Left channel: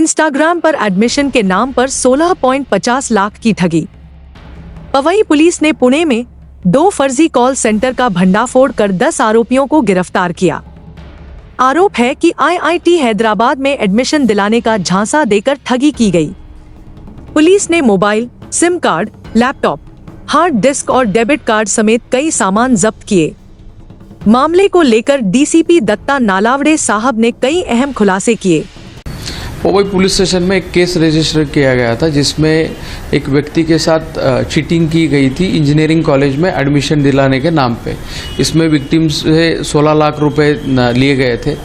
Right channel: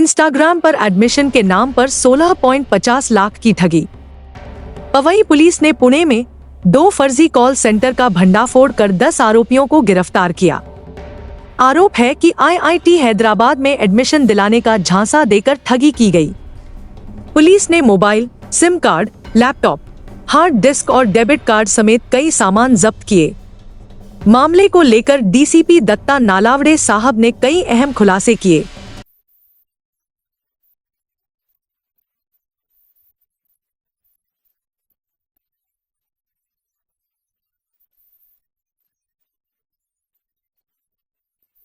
Instagram पर admission के नाम पर 16.50 लाख की ठगी। पवई पुलिस ने पुणे में 2 फर्जी कॉल सेंटर का भंडाफोड़ कर 10 आरोपियों को गिरफ्तार किया। आरोप है कि IIT हैदराबाद में एडमिशन दिलाने का झांसा देकर ठगी की गई। पुलिस ने mobile, SIM card, laptop, hard disk और डेबिट कार्ड समेत कई सामान जब्त किए। मामले को लेकर DCP दत्ता नालावड़े साहब ने कई अहम खुलासे किए। पवई पुलिस स्टेशन में एक केस रजिस्टर किया गया था जिसमें एक व्यक्ति के साथ चीटिंग की गई थी इंजीनियरिंग कॉलेज में एडमिशन दिलाने के नाम पे। इसमें विक्टिम से 16 लाख रुपए लिए गए थे।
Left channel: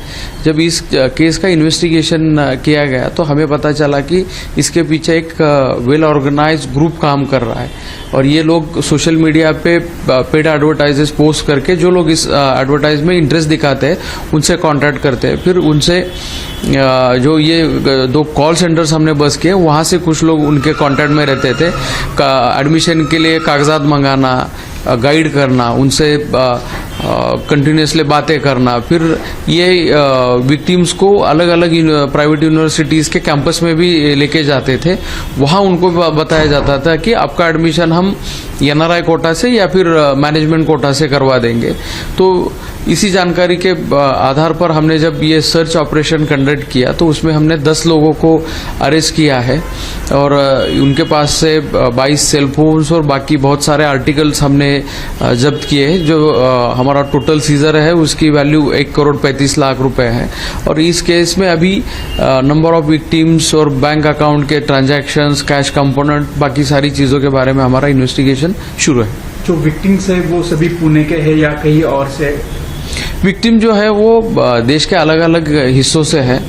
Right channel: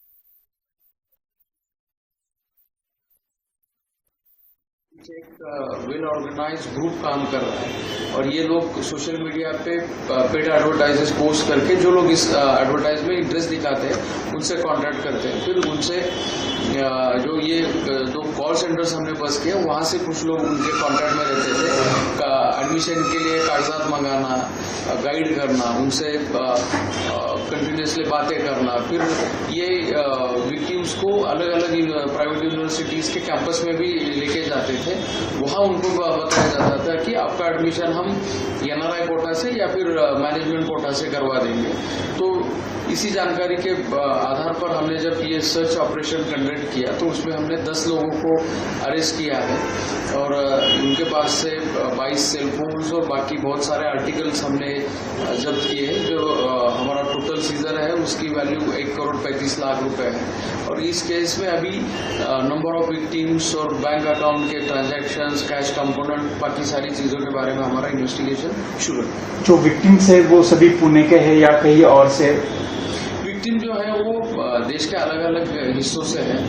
जब इस केस का इन्वेस्टिगेशन किया गया तो हमें पता चला कि इसके पीछे एक वेल ऑर्गेनाइज्ड ग्रुप काम कर रहा है और ये लोग सोशल मीडिया पे पेड एडवर्टाइजेस पोस्ट करके जो लोग इस एडवर्टाइज में इंटरेस्ट दिखाते हैं उनसे कांटेक्ट करते हैं। फिर उनसे जो ये 2 कॉल सेंटर्स हमने बस किए वहाँ से कुछ लोग उनके कांटेक्ट में रहते थे। एडमिशन के लिए कागजात मंगाना, गाइड करना, उनसे कंटिन्यूसली बातें करना। फिर ये विक्टिम्स को अलग अलग प्राइवेट यूनिवर्सिटीज़ के कैंपस में भी लेके जाते थे। वहाँ उनको बताया जाता था कि आपका एडमिशन हम NRI कोटा से या फिर मैनेजमेंट कोटा से करवा देंगे। तो इसी जानकारी के आधार पर हमने जब ये सर्च ऑपरेशन कंडक्ट किया तो उसमें हमने 10 लोगों को अरेस्ट किया है और उनके पास से 22 सेलफोन्स और बाकी बहुत सारे आर्टिकल्स हमने जब्त किए हैं। जो हमारा टोटल सीजर है उसकी वैल्यू 1,35,00,000 रुपए है। और इस केस में अभी नंबर ऑफ विक्टिम्स और बैंक अकाउंट के ट्रांजैक्शंस, कैश कंपोनेंट, बाकी सारी चीज़ों के बारे में हमारा इन्वेस्टिगेशन शुरू है। जो विक्टिम्स है वो सभी पुणे के हैं या कहीं और से? विक्टिम जो है वो देश के अलग अलग हिस्सों से है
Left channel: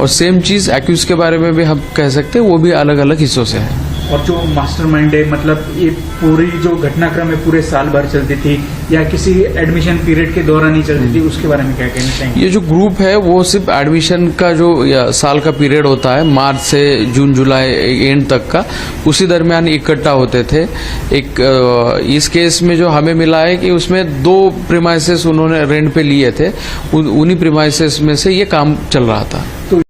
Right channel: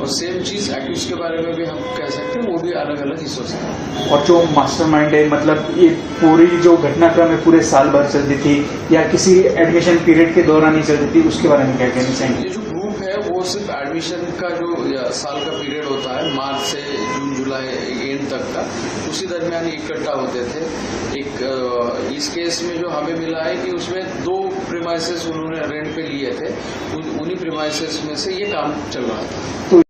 और सेम चीज़ एक्यूज के बारे में भी हम कह सकते हैं, वो भी अलग अलग हिस्सों से है। और जो मास्टरमाइंड है, मतलब ये पूरी जो घटनाक्रम है पूरे साल भर चलती थी या किसी एडमिशन पीरियड के दौरान ही चलती थी, उसके बारे में क्या कहना चाहेंगे? ये जो ग्रुप है वो सिर्फ एडमिशन का जो साल का पीरियड होता है, मार्च से जून जुलाई एंड तक का, उसी दरमियान इकट्ठा होते थे। इस केस में जो हमें मिला है कि उसमें 2 प्रीमाइसेस उन्होंने रेंट पे लिए थे, उन्हीं प्रीमाइसेस में से ये काम चल रहा था। तो